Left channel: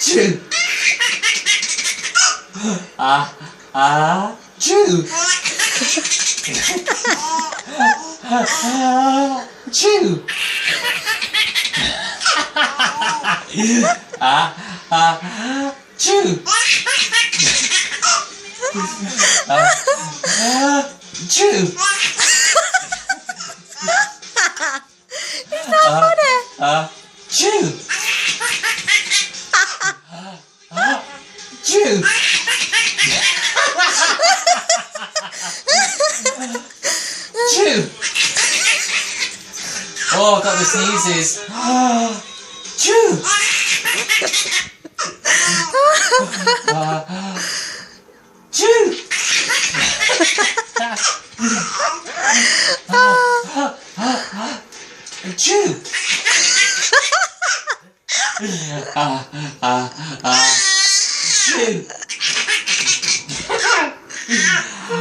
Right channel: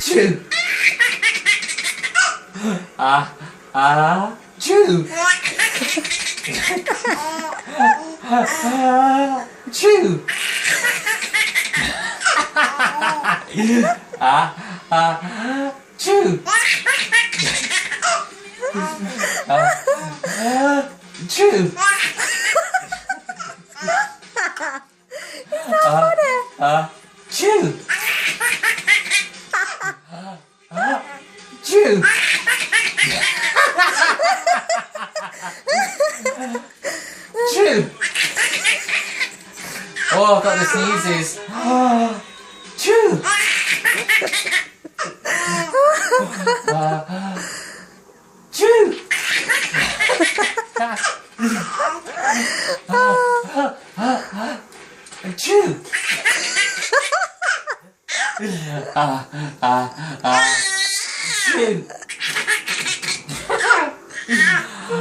Chew. Chew. Chew. Chew. Chew. It's not funny. Chew. Chew. Chew. Oh, I've got the sneezes. Chew. Chew. Chew. Chew.